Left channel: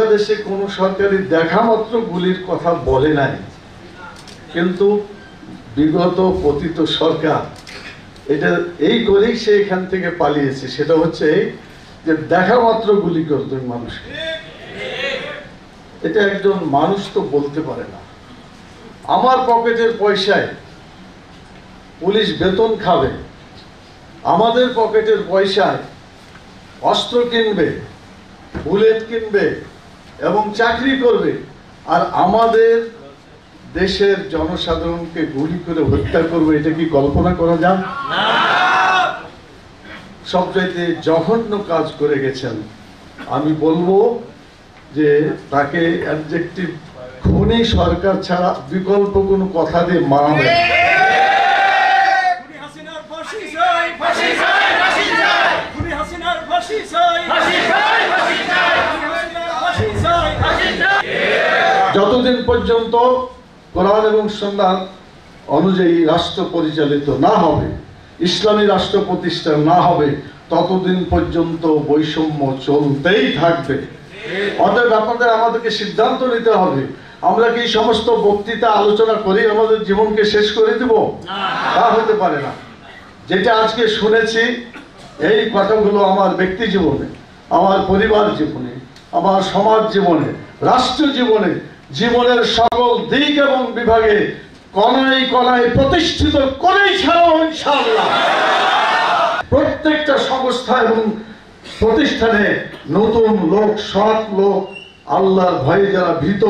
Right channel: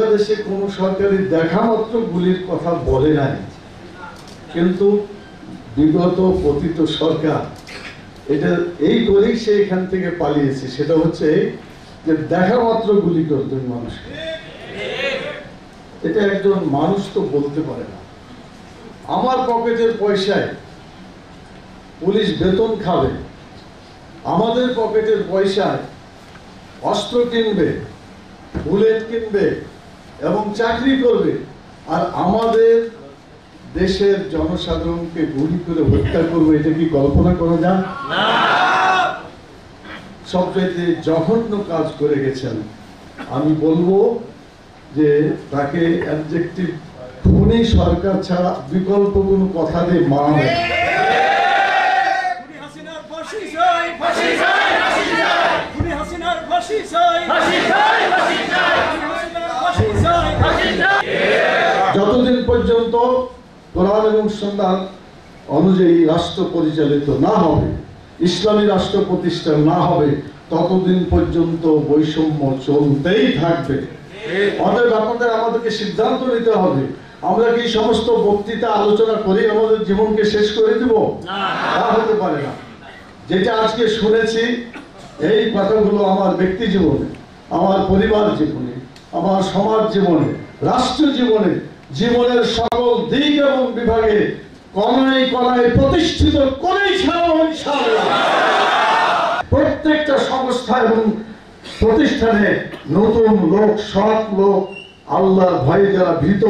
বাংলাদেশে কোন সরকারি দেখা মাত্র গুলির কথা বলে নাই, কিন্তু বিগত পতিত সরকার এটা এই করেই সে এখান থেকে পালিয়েছে। সেটা হচ্ছে যে দেখা মাত্র গুলি করত মানুষকে। এটা একজন মানুষ তো বলতে পারে না, আমার পকেটের পয়সায় পুলিশ বেতন খাবে, আমাদের পকেটের পয়সায় অস্ত্র কিনবে, বুলেট কিনবে এবং চাকরি করবে, আর আমাদের দেশের জনসাধারণকে গুলি করে হত্যা করবে। এটা কি কল্পনা করা যায়? সবচাইতে জঘন্য কাজ করে গেছেন। আমি বলবো যে তাকে অ্যাডজেক্টিভ খুনি সরকার ছাড়া বিকল্প কোনো কথা দিয়ে মানাবে। যতদিন পর্যন্ত কোরআন এবং সুন্নাহ অনুযায়ী রাষ্ট্র পরিচালিত না হবে, ইসলামী রাষ্ট্র প্রতিষ্ঠা না হবে, ততদিন পর্যন্ত বৈষম্য চলতেই থাকবে। অতএব আপনাদের আমাদেরকে সিদ্ধান্ত নিতে হবে, আমরা কি সমস্ত বক্তৃতা আলোচনা করে আমাদের জীবনকে শেষ করে দেব? তা হতে পারে না। যেটা আজকে শুনেছি এই কথাগুলো আমার ব্যক্তি জীবনে, আমার পরিবার জীবনে, আমার সমাজ জীবনে, রাষ্ট্র জীবনে, জীবনের সকল দিক এবং বিভাগে কণায় কণায় প্রতিষ্ঠিত করেই ছাড়াও ইনশাআল্লাহ। প্রত্যেকটা সংস্থা এবং প্রতিষ্ঠানে নতুন লোক, সৎ লোক, আল্লাহর ভয়ে যারা ভীত,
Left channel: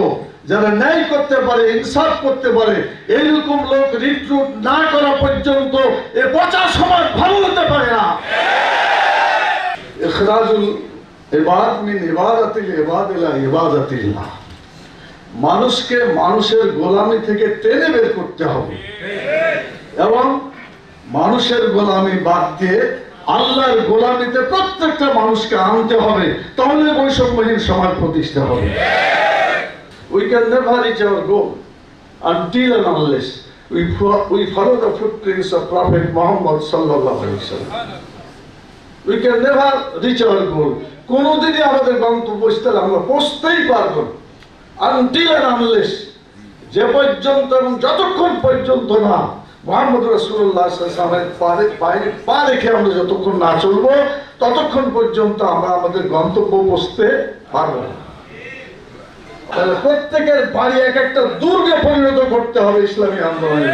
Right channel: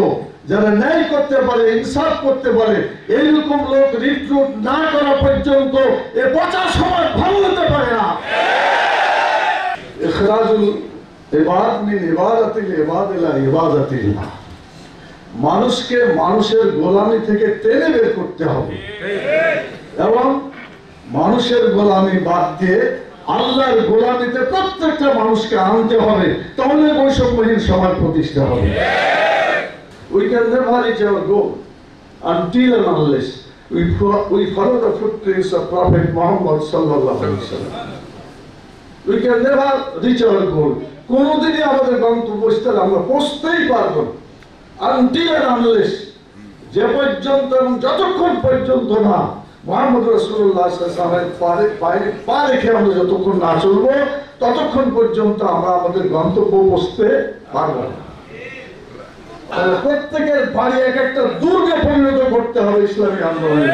যারা ন্যায় করতে পারে, ইনসাফ করতে পারে, এইরকম লোক রিক্রুট না করা পর্যন্ত এ পচা সমাজ ভালো হতে পারে না। ইখরাজুল ইবাদ মিন ইবাদাতিল ইবাদ ইলা ইবাদাতিল্লাহ। মানুষকে মানুষের গোলামি থেকে টেনে বের করতে হবে এবং মানুষের গোলামি বাদ দিয়ে আল্লাহর গোলামিতে প্রত্যেকটা মানুষকে আনতে হবে, তাহলে বৈষম্যহীন সমাজ প্রতিষ্ঠা হবে। We can never reach our goal until and unless we follow the footprints of Prophet Muhammad sallallahu alaihi wasallam. We can never reach our goal. কোনদিনই আমাদের গন্তব্যস্থলে আমরা পৌঁছতেই পারবো না until and unless, যে পর্যন্ত এবং যতক্ষণ পর্যন্ত না মুহাম্মদ রাসূলুল্লাহ সাল্লাল্লাহু আলাইহি ওয়াসাল্লামের পা রেখে আমরা যতক্ষণ না চলবো, ততক্ষণ পর্যন্ত আমরা আমাদের গন্তব্য পৌঁছতে পারবো না। প্রত্যেকের বাড়ি এক একটা দুর্গে পরিণত করতে হবে ইসলামী আন্দোলনের।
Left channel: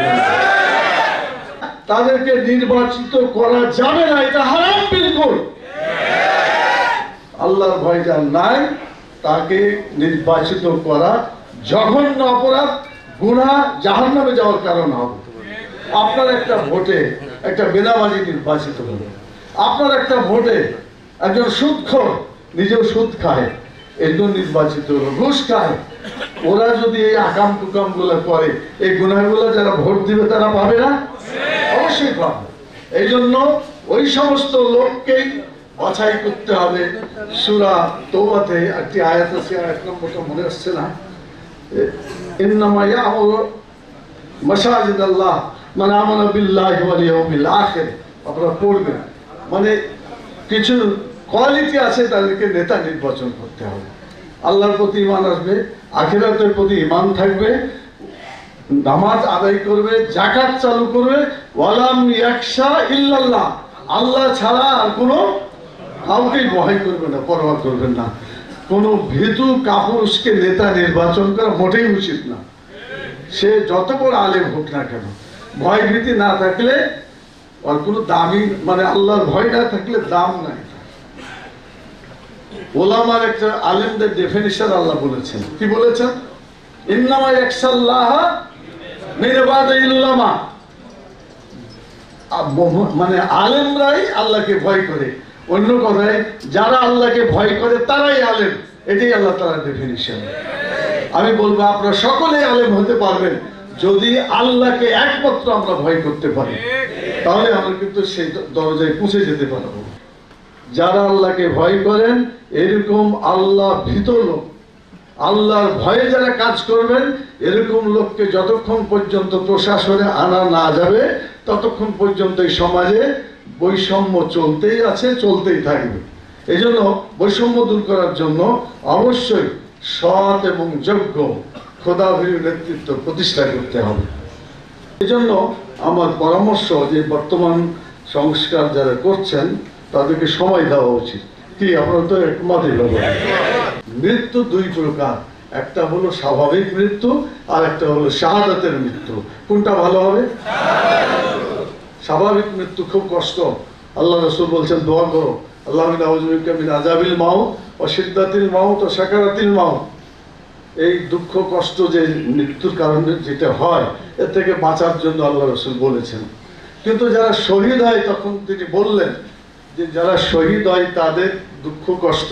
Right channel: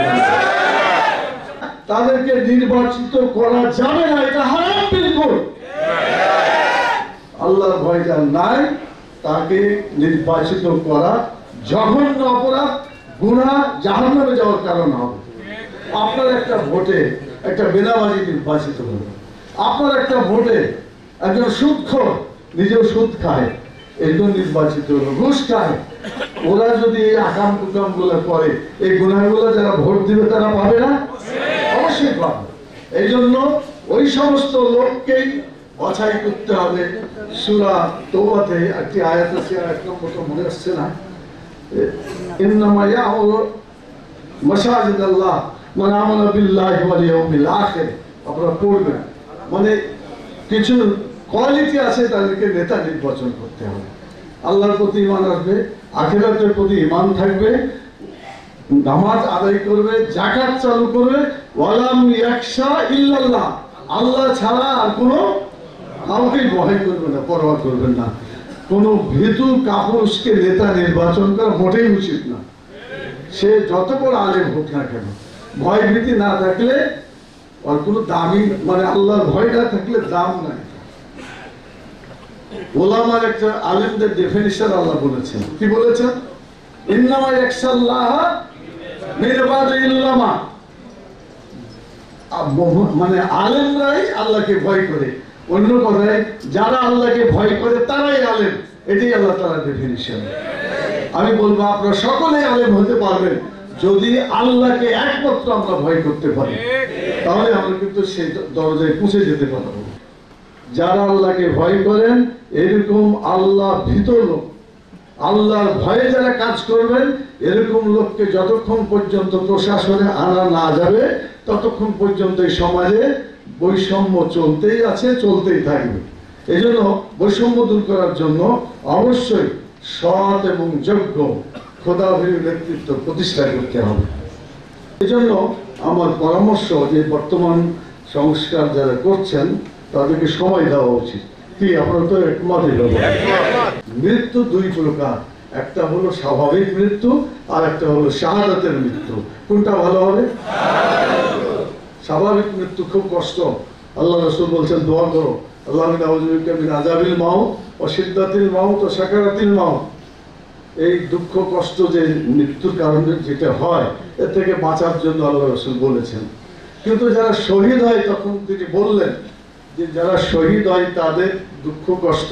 তাদেরকে নির্বাচিত করা যাবে না, এটা হারাম বিলকুল। আল্লাহর ভয় যার নাই তাকে নির্বাচিত করা জঘন্য অপরাধ, গুনাহ, জাহান্নামে যাওয়ার কারণ হবে। আপনার একটা ভোটে একটা বেনামাজি নির্বাচিত হলো, আপনার একটা ভোটে একজন সুদখোর, নিজেও সুদ খায়, একজন নির্বাচিত হলো, ঘুষ খায়। ওরা যদি এই আকাম কুকাম গুলো করে, এই গুনাহগুলো যারা ভোট দিবে তারা পাবে না? অবশ্যই পাবে। এই জন্য ওই সমস্ত লোককেই বাছাই করতে হবে। সূরা তওবাতে একটি আয়াত আছে, আয়াত নম্বরটা মনে আসছে না, ইন্নামা ইয়ামুরু মাসাজিদাল্লাহ মান আমানা বিল্লাহি ওয়াল ইয়াউমিল আখির। আপনারা পড়বেন, মানে কিছু কোয়ালিটি আছে, তাদেরকে নেতা নির্বাচন করতে হবে। আল্লাহর প্রতি ঈমান আসবে, আখিরাতের প্রতি ঈমান থাকবে, নামাজ আদায় করবে, যাকাত চালু করবে, ওয়ালাম ইয়াখশা ইল্লাল্লাহ, আল্লাহ ছাড়া আর কোনো কাউকে ভয় করবে না, পরোয়া করবেন না। কোনো ভীতু কাপুরুষকে নেতা নির্বাচন করা মোটেই উচিত না। সে যত বড় আলেম হোক না কেন, ভয় ভীতি না থাকলে আর কোনো দামি, মানে আল্লাহর ভয় না থাকলে দাম নাই। ওলামার একটা আলেমদের ডেফিনিশন আল্লাহ বলেছেন, কি বলেছেন? ইন্নামা ইয়াখশাল্লাহ মিন ইবাদিল্লাহ, মানে আলেমরাই আল্লাহকে ভয় করে। অন্য কথায় যারা আল্লাহকে ভয় করে তারাই আলেম, এটাই আল্লাহ তাআলার ডেফিনিশন। আমি বলবো আপনারা সকলেই আলেম হতে পারবেন যদি আল্লাহকে একমাত্র আমরা ভয় করতে পারি, তাহলে আমরা কিন্তু সেই দরজায় পৌঁছে যেতে পারবো। যারা আল্লাহকে ভয় করেন, এরকম আল্লাহ ভীত লোক, আল্লাহর ভয়ে যারা কাজ করবেন, এরকম লোককে যতক্ষণ পর্যন্ত প্রশাসনে আনা না যাবে, ততক্ষণ পর্যন্ত এই সমাজে বৈষম্য চলতেই আছে, চলতেই থাকবে। এই জন্য বৈষম্য দূর করার জন্য অবশ্যই সৎ এবং যোগ্য খোদাভীরু নেতৃত্ব প্রতিষ্ঠা করতে হবে। এজন্য আমার পরামর্শ যে বর্তমান সংস্কার যারা করছেন তাদেরকে সময় দেওয়া উচিত। কি আপনারা তো একমতই হলো? মৃত্যু দুই প্রকার, একটা হলো স্বাভাবিক মৃত্যু আর একটা হলো শাহাদাতের মৃত্যু। কোনটা ভালো হবে? স্বাভাবিক মৃত্যু খুব কষ্ট। আল্লাহ রাসূল বলছেন দোয়া করো, আল্লাহুম্মা আউযু বিকা মিন আযাবিল মাউত ওয়া শিদ্দাতিল মাউত ওয়া সাকারাতিল মাউত। এই দুঃখ কষ্ট যে মৃত্যুর কারণে যেটা হয় এর থেকে বাঁচার জন্য আল্লাহ রাসূল বলেছেন। কিন্তু যারা শহীদ হয় তখন তিনি বললেন যে যারা শহীদ হয় তাদের দুঃখ কষ্ট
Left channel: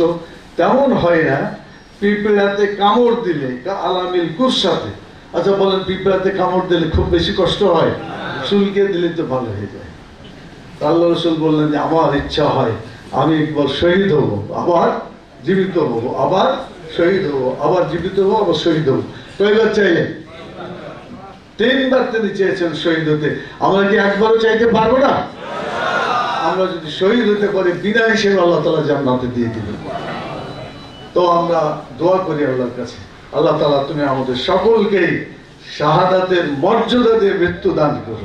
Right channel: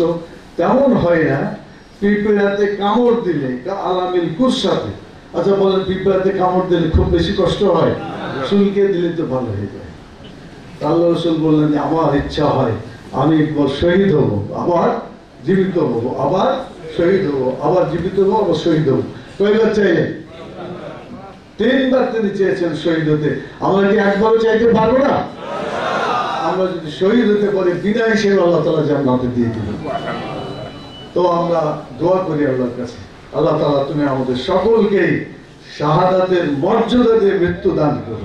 তেমন হয় না পিঁপড়াতে কামড় দিলে, আলামিল কুরসাতে। আচ্ছা বলেন, পিঁপড়াতে কামড় দিলে খুব বেশি কষ্ট হয়? চুলকে দিলে তো ভালো হয়ে যায়। আল্লাহ রাসূল বললেন যে আমার ইচ্ছা হয় আমি একবার শহীদ হব, আবার জীবিত হব, আবার শহীদ হব, আবার জীবিত হব, আবার শহীদ হব। কয়বার চাইলেন? 3 বার তিনি চেয়েছেন শহীদ হতে। আমরা কি একবারও চাইতে পারবো না? আমরা যদি শহীদ হতে পারি বিনা হিসেবে আল্লাহ তাআলা জান্নাতে দিয়ে দিবেন। তো আমরা দোয়া করি আল্লাহর কাছে, আল্লাহ তাআলা তুমি আমাদের সকলকেই শাহাদাতের মর্যাদা দিয়ে মৃত্যু দান করো।